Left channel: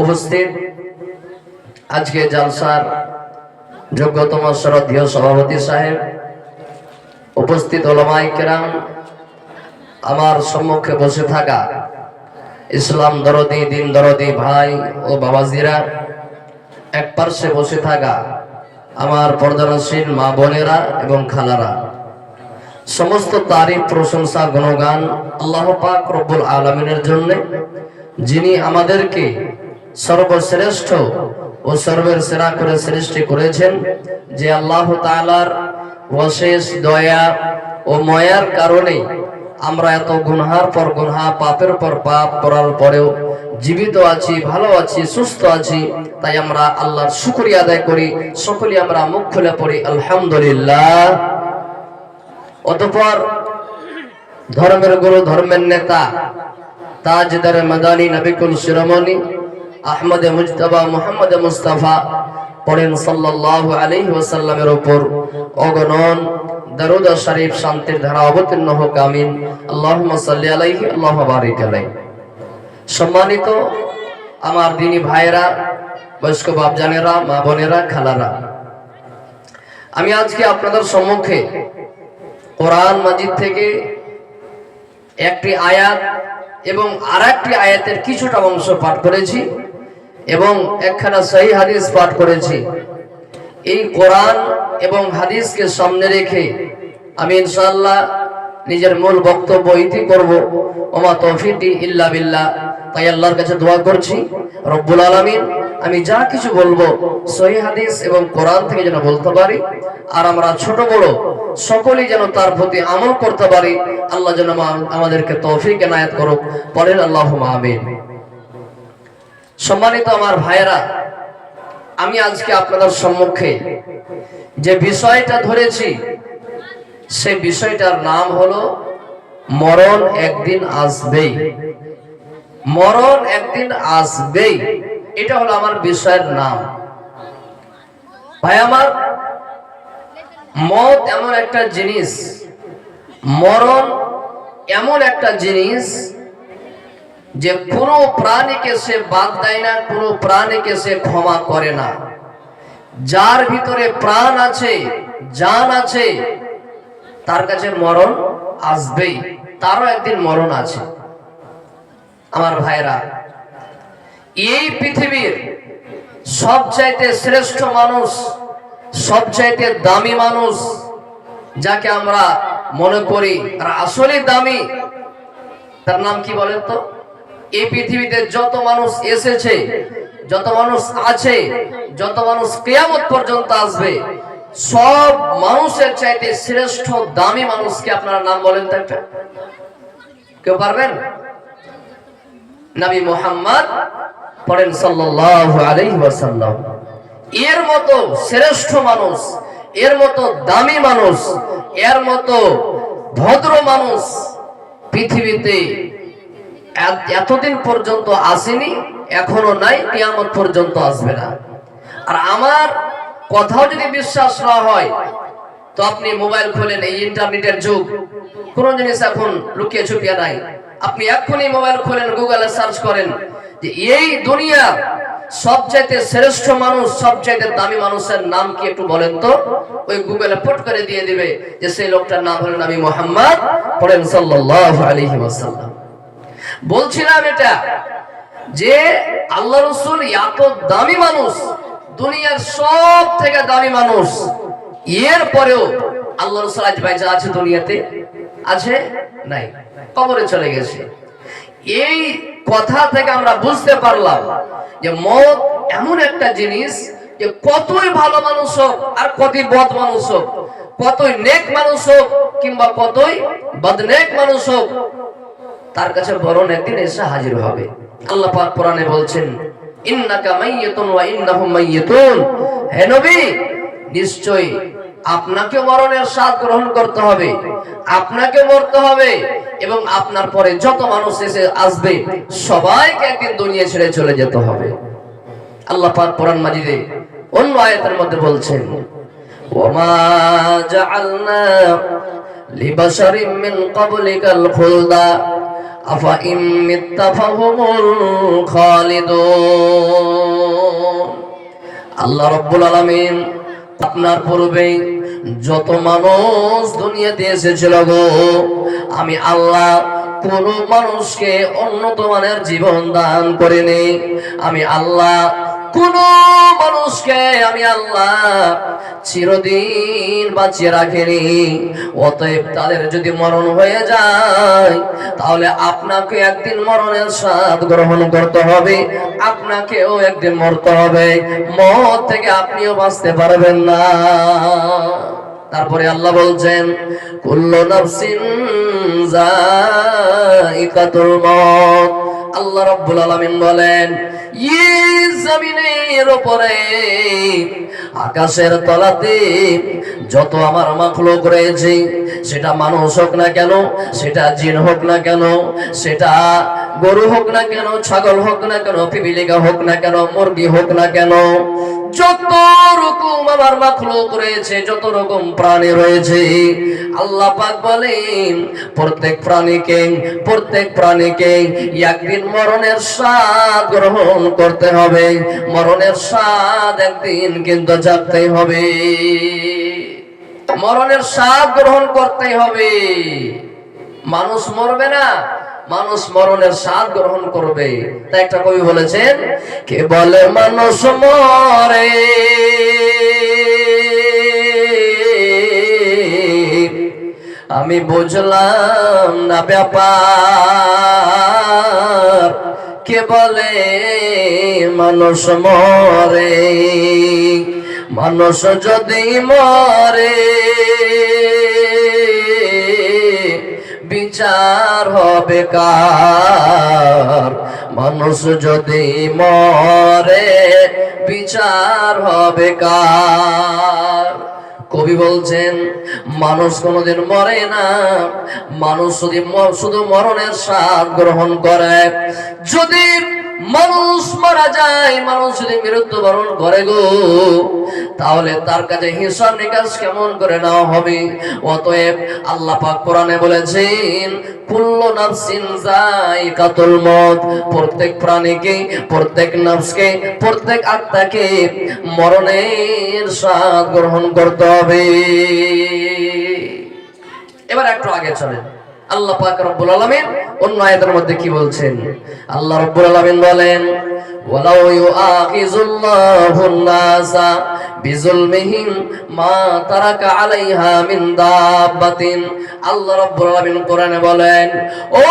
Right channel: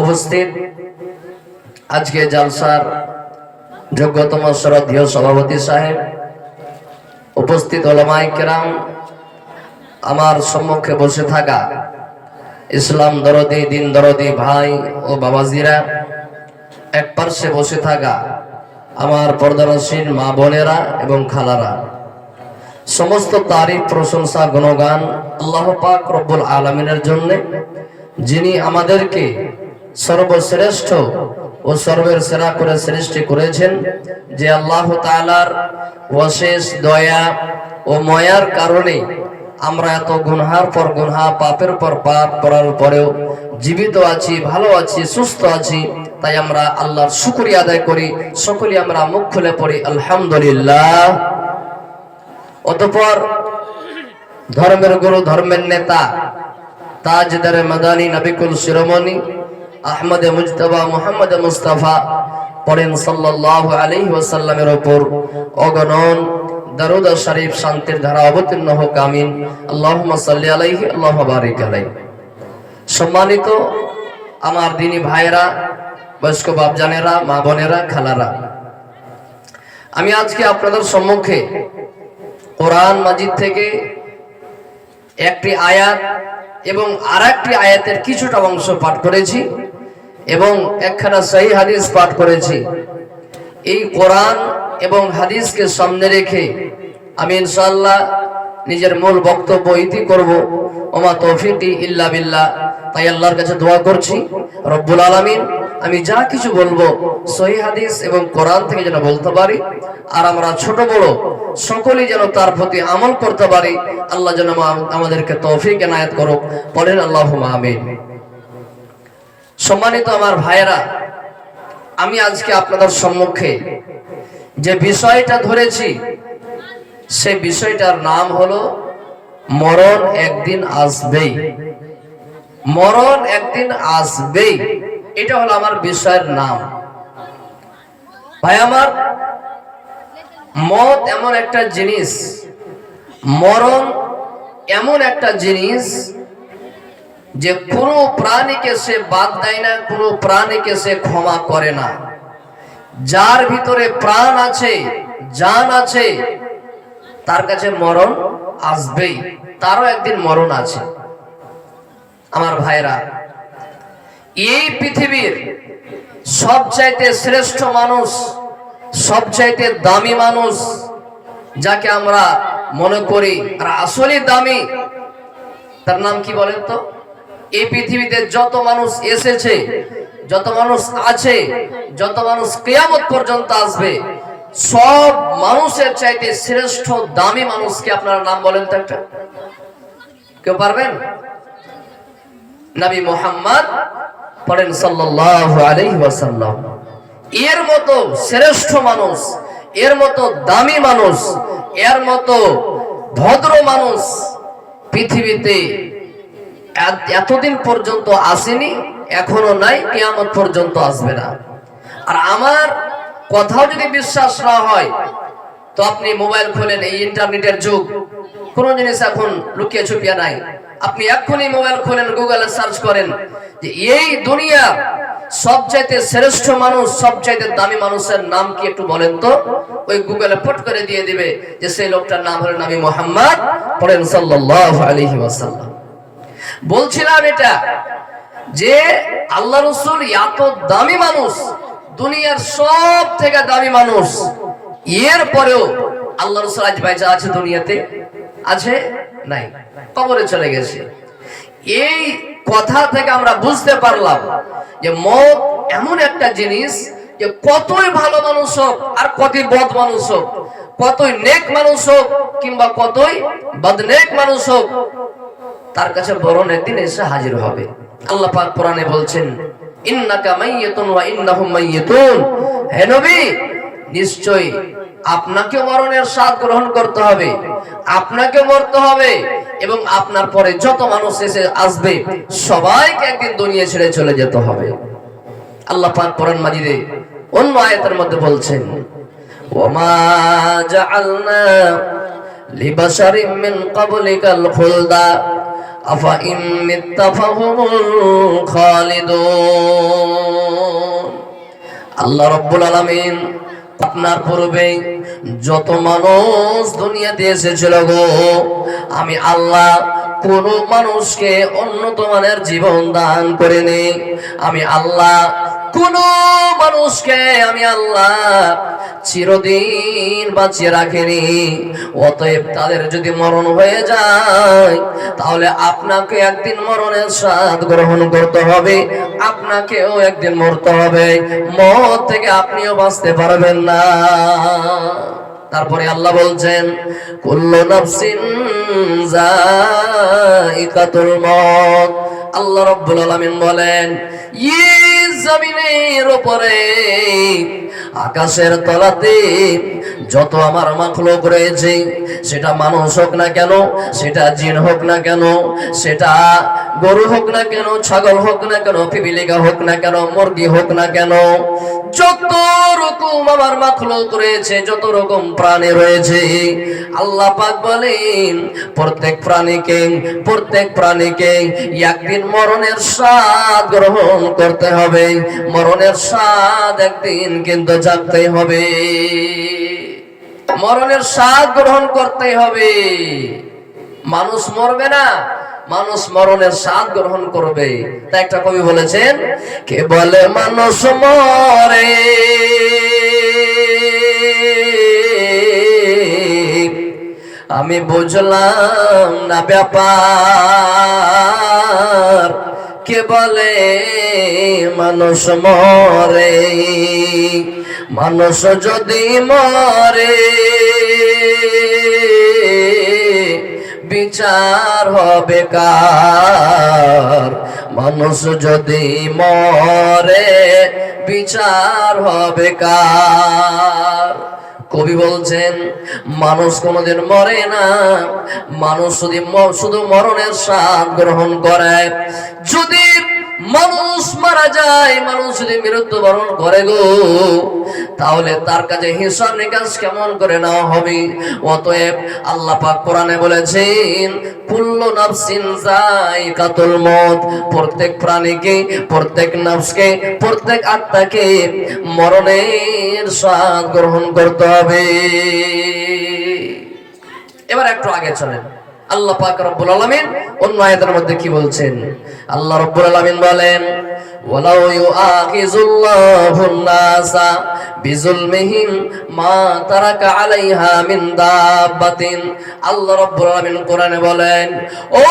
উপস্থিত আজকে জালসার যোগ্যতম শ্রদ্ধেয় সভাপতি সাহেব, উপস্থিত ওলামায়ে কেরাম, আমার সম্মুখে বসে থাকা ইসলাম দরদি, দিন দরদি ভাই ও বাবাজিরা, এক পার্শ্বে বসে থাকা আমার পর্দানশীল মা বোনেরা এবং খালারা, সমস্ত তারিফ প্রশংসা গুণগান আল্লাহ পাক রব্বুল আলামিনের জন্য, যিনি আমাদেরকে সর্বশ্রেষ্ঠ ও সর্বের সেরা করে সৃষ্টি করেছেন। যে আল্লাহ তাআলার অশেষ দয়া ও মায়ার কারণে আমরা এত গুনহার পর গুনহা, পাপের পর পাপ করার পরেও জীবিত আছি, ভালো আছি, সুস্থ আছি। তাই আমরা আল্লাহর শুকরিয়া আদায় করি। সকলে আমরা মুখ খুলে পড়ি আলহামদুলিল্লাহ। অতঃপর ধর্মের গুরু, ধর্মের নেতা, তাজদারে মাদানী, নবিকুল শিরোমণি আহমদে মুজতবা মুহাম্মদ মুস্তাফা পড়েন সাল্লাল্লাহু আলাইহি ওয়াসাল্লামের উপর অগণন দরুদ শরীফ, শান্তির ধারা অবতীর্ণ হোক, আমিন। আল্লাহুম্মা সাল্লি আলাইহি, আল্লাহুম্মা বারিক আলাইহি। সম্মানিত আমার দিনী ভাইরা, বয়স্ক বাপজানেরা, মা বোনেরা, খালারা, আমি আজকে আপনাদের সম্মুখে কোরআন মাজিদ থেকে একটি আয়াত এবং আরেকটি আয়াতের কিছুটা অংশ পাঠ করেছি এবং একখানা সহি হাদিস পাঠ করেছি। এই কোরআন এবং হাদিসকে সামনে রেখে আমি ইনশাআল্লাহ নিজের মূল বক্তব্য ইতি করব। ওমা তৌফিকি ইল্লা বিল্লাহ। তাই আল্লাহর কাছে দোয়া করছি রব্বুল আলামিন আমি যা কিছু বলবো সহি হাদিস এবং কোরআন থেকে যেন বলতে পারি, আর আমরা ছোট বড় সকলেই যেন তার প্রতি আমল করতে পারি। আল্লাহ যেন আমাদেরকে তৌফিক এনায়েত করুক, বলেন আল্লাহুম্মা আমিন। সম্মানিত আমার ভাইয়েরা, আমি আজকে আপনাদের সম্মুখে যে বিষয়টা ধরেছি সেই বিষয়টার নাম হলো মরণ একদিন আসবেই। মরণ একদিন আসবেই, এটা হলো আমার বিষয়ের নাম। ভাই আমার, মত এমন একটা জিনিস, মরণ এমন একটা জিনিস যে কোনো প্রাণীকে সে বাদ দেয় না, কোনো প্রাণীকে সে ক্ষমা করে না। যার ভিতরে প্রাণ আছে, জান আছে, তার কাছে মরণ আসবেই, তারও একদিন মরণ আছে। আমার ভাইরা, এই পৃথিবীর সবচাইতে শ্রেষ্ঠ মানুষ, সবচাইতে দামি মানুষ, যাকে আমরা মনে করি আর আসলে দামি, তার নাম কি বলেন তো? এই পৃথিবীতে যত মানুষ এসেছে, যত মানুষ আছে, যত মানুষ কিয়ামত পর্যন্ত আসবে, সব মানুষের চাইতে শ্রেষ্ঠ দামি মানুষকে আপনারা নাম বলেন তো একটা? কেউ পারবেন? নবী মুহাম্মদ পড়েন সাল্লাল্লাহু আলাইহি ওয়াসাল্লাম। এর মতো শ্রেষ্ঠ মানুষ, এর মতো দামি মানুষ, এর মতো ভদ্র মানুষ পৃথিবীতে এতদিন পর্যন্ত আসেনি, এখনো নাই, কিয়ামত পর্যন্ত আসবে না। আর আমার কথাও যদি বিশ্বাস না হয় তো আপনি মোবাইল খোলেন, এই ইন্টারনেটের যুগ, কোন জিনিস এখন লুকিয়ে ছুপিয়ে নাই। আপনি এখনই মোবাইল খোলেন, গুগলে সার্চ করেন যে এই দুনিয়ার সবচাইতে শ্রেষ্ঠ মানুষ, সবচাইতে দামি মানুষের নাম কি একটু বলেন তো। ওই গুগলে পট করে দিয়ে দিবে যে সেই লোকটার নাম হলো নবী মুহাম্মদ পড়েন সাল্লাল্লাহু আলাইহি ওয়াসাল্লাম। বলছিলাম এটা যে আল্লাহ রাসূল এত দামি মানুষ, দুনিয়ার সব থেকে দামি মানুষ, এর পরেও আল্লাহ রাসূল আজ বেঁচে আছে দুনিয়াতে? আছে? নাই, কবরে চলে গেছে। এই কথা থেকে আমরা বুঝতে পারলাম যে মত এমন একটা জিনিস যে কতই ভালো মানুষ হোক আর কতই বদ মানুষ হোক, কতই নেক মানুষ হোক কিংবা কতই বদনেক মানুষ হোক, তার কাছে মরণ একদিন এসে হাজির হবে। আল্লাহ পাক কোরআনে বলছেন ইন্নাকা মাইয়িতুন ওয়া ইন্নাহুম মাইয়িতুন। হে নবী, নিশ্চয়ই আপনাকে মরণের স্বাদ গ্রহণ করতে হবে, আপনাকে মরতে হবে, এবং আপনার পরে যত মানুষ এসে আসবে সবাইকে একদিন দুনিয়া ছেড়ে চলে যেতে হবে। আল্লাহ পাক কোরআন মাজিদে অন্য আয়াতের মধ্যে বলছেন ওয়ামা জাআলনা লিবাশারিন মিন ক্বাবলিকাল খুলদা আফা ইন মিত্তা ফাহুমুল খালিদুন। আল্লাহ রাব্বুল আলামিন আপনার পূর্বে যত মানুষ দুনিয়াতে এসেছিল গো, আমি আল্লাহ কোন মানুষকে উন্নত মানের জীবন দান করিনি। আমি আল্লাহ কোন মানুষকে আমি আল্লাহ চিরদিন বাঁচিয়ে রাখিনি। অতএব তাদের যদি মরণ হয়ে যায়, তাহলে আপনাকে একদিন মরণের স্বাদ গ্রহণ করতে হবে, আপনাকেও একদিন মরতে হবে। মত থেকে আপনিও বাঁচতে পারবেন না। তারপরে আল্লাহ বলছেন, কুল্লু নাফসিন যায়িকাতুল মউত। আল্লাহ রাব্বুল আলামিন বলেন, এই জমিনের উপরে আকাশের তলাতে যত আমার মাখলুক রয়েছে, সেটা মানুষ হোক না কেন, সেটা জিন হোক না কেন, সেটা গরু হোক না কেন, ছাগল হোক না কেন, পিপিলিকা হোক না কেন, মুরগি হোক না কেন, যত রকম আমার মাখলুক রয়েছে, যত রকম প্রাণী রয়েছে, আল্লাহ পাক বলেন প্রত্যেক প্রাণীকে একদিন মরণের স্বাদ গ্রহণ করতে হবে। মরণের স্বাদ একদিন কিন্তু জানতেই হবে, মরণের স্বাদ গ্রহণ করতেই হবে। মানুষ মরবে না, মানুষ মরণের স্বাদ গ্রহণ করবে। তাই একটা কবি বলেছেন, কে বলে মানুষ মরে, আমি বুঝলাম না ব্যাপার। কে বলে মানুষ মরে, মানুষ যদি মরে বিচার হবে কার? মানুষ যদি মরে বিচার হবে কার? কবি বলছেন, মানুষ কোনোদিন মরে না, মানুষ শুধু মরণের স্বাদ গ্রহণ করে। যদি মানুষ মারা যায়, মানুষ যদি মৃত্যুবরণ করে গো, তাহলে তার কাছে হিসাব নিকাশ কেমন করে নেওয়া হবে? অতএব আল্লাহ পাক কোরআনে বলেছেন, কুল্লু নাফসিন যায়িকাতুল মউত। প্রত্যেক প্রাণীকে, প্রত্যেক নফসকে, প্রত্যেক আত্মাকে মরণের স্বাদ গ্রহণ করতে হবে। এবার একটু আগে চলেন, আল্লাহ পাক রব্বুল আলামিন অন্য আয়াতের মধ্যে কি বলছেন? আল্লাহ রব্বুল আলামিন বলেন, ওয়ালাউ ইউআখিযুল্লাহুন নাসা বিজুলমিহিম মা তারাকা আলাইহা মিন দাব্বাতিন। আল্লাহ রাব্বুল আলামিন কোরআনে বলেন, ও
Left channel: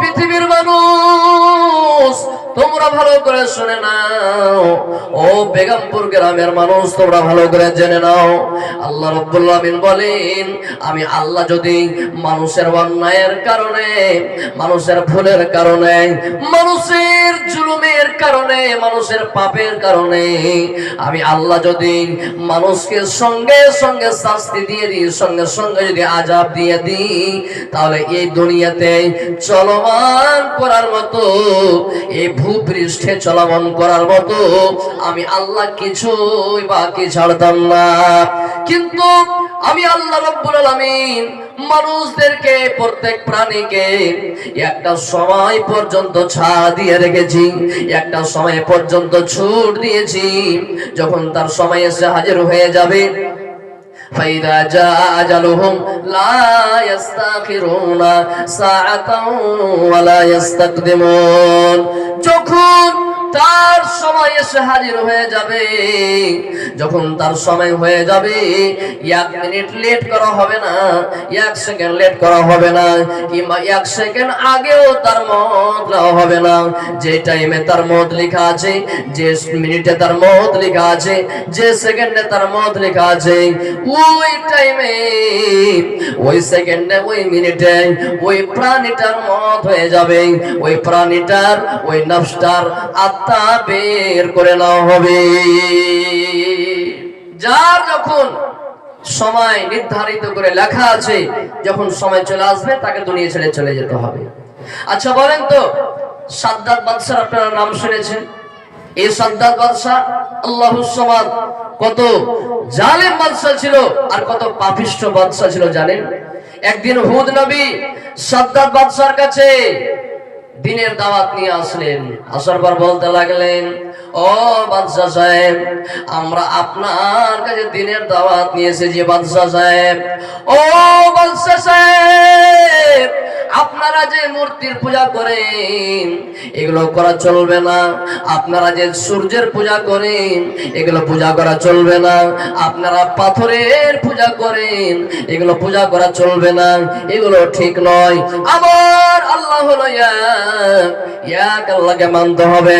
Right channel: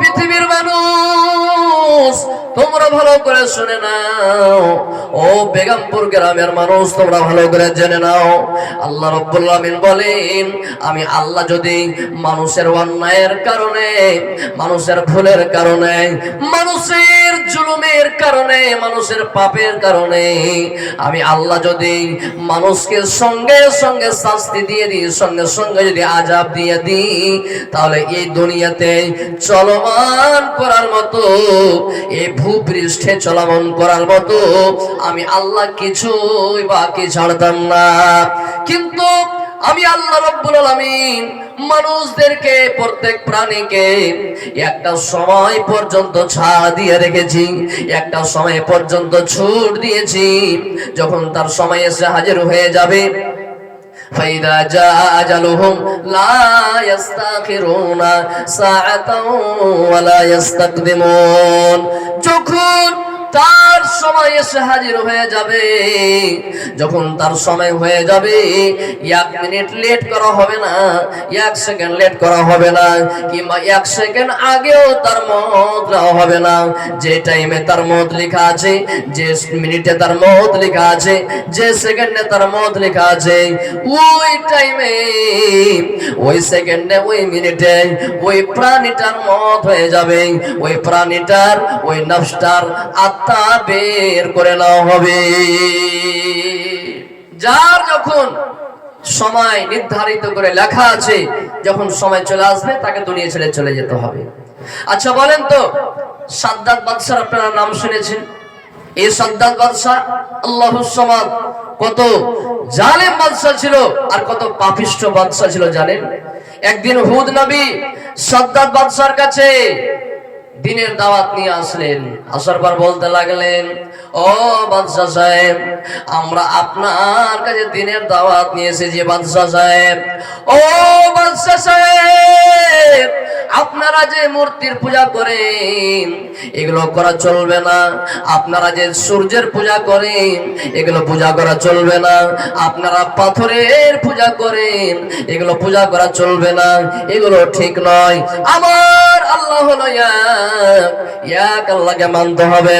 পৃথিবীর মানুষ তোমরা ভালো করে শুনে নাও, ও বেগমপুর গ্রামের মানুষ তোমরা ভালো করে জেনে নাও। আল্লাহ রাব্বুল আলামিন বলেন, আমি আল্লাহ যদি মানুষের অন্যায়ের কারণে, মানুষের ভুলের কারণে, মানুষের জুলুমের কারণে, মানুষের পাপের কারণে আমি আল্লাহ যদি মানুষকে সঙ্গে সঙ্গে শাস্তি দিয়ে দিই, সঙ্গে সঙ্গে যদি আযাব দিয়ে দিই, তাহলে এই দুনিয়াতে চলমান করার মতো, এই ভূপৃষ্ঠে চলমান করার মতো আমি আল্লাহ কিছুই বাকি ছাড়তাম না। কিন্তু আমি আল্লাহ রাব্বুল আলামিন মানুষদেরকে, প্রত্যেক প্রাণীকে একটা সময় পর্যন্ত ছাড় দিয়ে রেখেছি, একটা সময় পর্যন্ত ছুট দিয়েছি। যখন তার সময় এসে হাজির হয়ে যাবে, ফাইদা জা আজালুহুম লা ইস্তাখিরুনা সাআতাও ওয়া লা ইস্তাকদিমুন। যখন তার সময় এসে হাজির হয়ে যাবে, যখন তার সময় হয়ে যাবে, 1 মিনিট লেট করা হবে না, 1 সেকেন্ড লেট করা হবে না, কিংবা 1 সেকেন্ড আগেও তার মত নেওয়া হবে না। যে টাইমে তার মত লেখা আছে, যে মিনিটে তার মত লেখা আছে, যে সেকেন্ডে তার মত লেখা আছে, ওই টাইমে, ওই সেকেন্ডে, ওই মিনিটে ওই প্রাণীটার মত হয়ে যাবে। ওই প্রাণীটার, ওই নফসটার আত্মা বের করে নেওয়া হবে। যার যখন সময় নির্ধারিত করে লেখা আছে, যখন সময় চলে আসবে তাকে দুনিয়া ছেড়ে চলে যেতে হবে। আচ্ছা বলেন তো, সাদ্দাত বাদশার আপনারা নাম শুনেছেন? এই সাদ্দাত বাদশা আল্লাহুস সামাদ কত জালেম বাদশা ছিল আর কত পাপিষ্ঠ বাদশা ছিল জানেন? একদিন হুদ নবী সাদ্দাত বাদশার কাছে দিনের দাওয়াত নিয়ে আসলেন। আসার পর বলতে লাগলেন, ও ও বাদশাহ সাহেব, আমরা আপনার কাছে দিনের দাওয়াত নিয়ে এসেছি বাদশাহ সাহেব। ও বাদশাহ সাহেব, আপনারা যে মূর্তির পূজা করেন এগুলো করা চলবে না। আপনারা যে সূর্যের পূজা করেন এগুলো পূজা করা চলবে না। আপনারা পাথরের পূজা করেন এগুলো পূজা করা চলবে না, এগুলো ঠিক নয়। আমার আল্লাহ হলো এক আল্লাহকে মানতে হবে,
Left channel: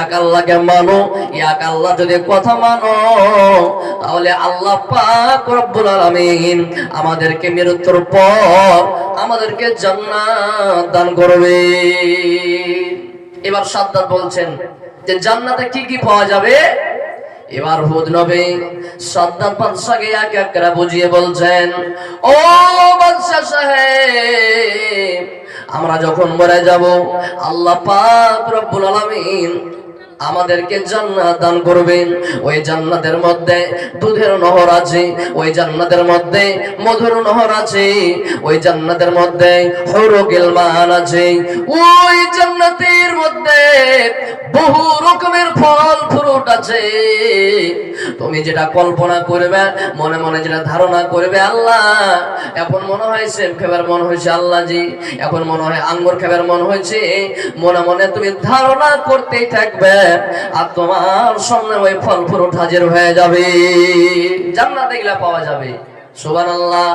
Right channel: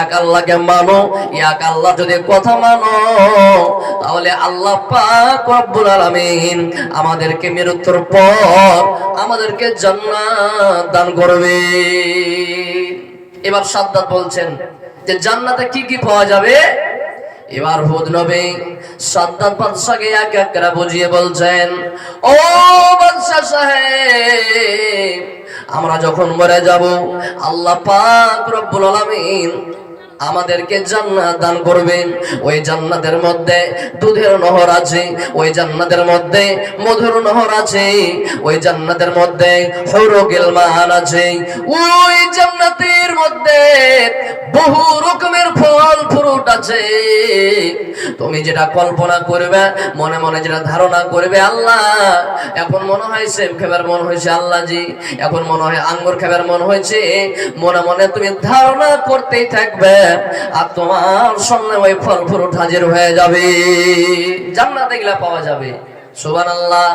এক আল্লাহকে মানো। এক আল্লাহ যদি কথা মানো তাহলে আল্লাহ পাক রব্বুল আলামিন আমাদেরকে মৃত্যুর পর আমাদেরকে জান্নাত দান করবে। এবার সাদ্দাত বলছেন যে জান্নাতে কি কি পাওয়া যাবে। এবার হুদ নবী সাদ্দাত বাদশাকে এক এক করে বুঝিয়ে বলছেন, ও বাদশা সাহেব, আমরা যখন মরে যাব আল্লাহ পাক রব্বুল আলামিন আমাদেরকে জান্নাত দান করবেন। ওই জান্নাতের মধ্যে দুধের নহর আছে, ওই জান্নাতের মধ্যে মধুর নহর আছে, ওই জান্নাতের মধ্যে হুরুল গিলমান আছে, ওই জান্নাতের মধ্যে বহু রকমের ফল ফ্রুট আছে। তুমি যেটা কল্পনা করবে, মনে মনে যেটা ধারণা করবে, আল্লাহ এখন মনে হয় সেব খাবার মন হয়েছে, আল্লাহ জি এখন মনে হয় আঙ্গুর খাবার মন হয়েছে, মনে মনে তুমি ধারণা করতেই থাকবে আর তোমার সামনে ওই ফল ফ্রুট হাজির হয়ে যাবে, জান্নাতে গেলে পাওয়া যাবে। সুবহানাল্লাহ।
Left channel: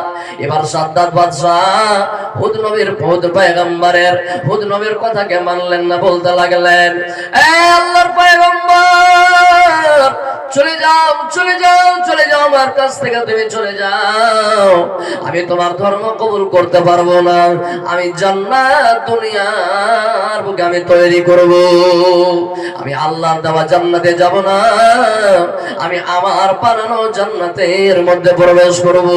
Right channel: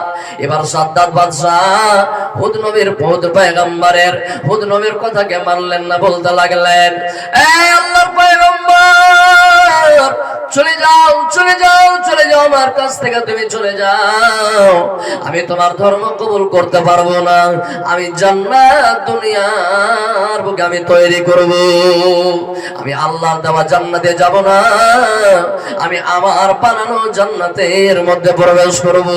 এবার সাদ্দাত বাদশাহ হুদ নবীর পয়গম্বরের হুদ নবীর কথাকে মানলেন না, বলতে লাগলেন, এ আল্লাহর পয়গম্বর, চলে যাও চলে যাও চলে যাও, আমার কাছ থেকে তুমি চলে যাও। আমি তোমার ধর্ম কবুল করতে পারবো না। আমি জান্নাত দুনিয়ার বুকে আমি তৈরি করব। আমি আল্লাহর দেওয়া জান্নাতে যাব না, আমি আমার বানানো জান্নাতের মধ্যে প্রবেশ করব।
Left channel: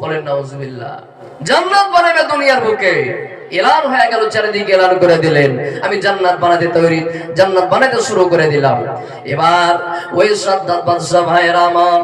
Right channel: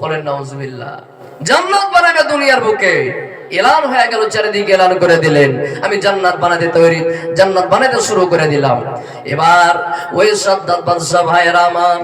বলেন নাউজুবিল্লাহ। জান্নাত বানাবে দুনিয়ার বুকে, এলান হয়ে গেল, চারিদিকে এলান করে দিলেন, আমি জান্নাত বানাতে তৈরি, জান্নাত বানাতে শুরু করে দিলাম। এবার ওই সাদ্দাত বাদশা ভাইয়েরা আমার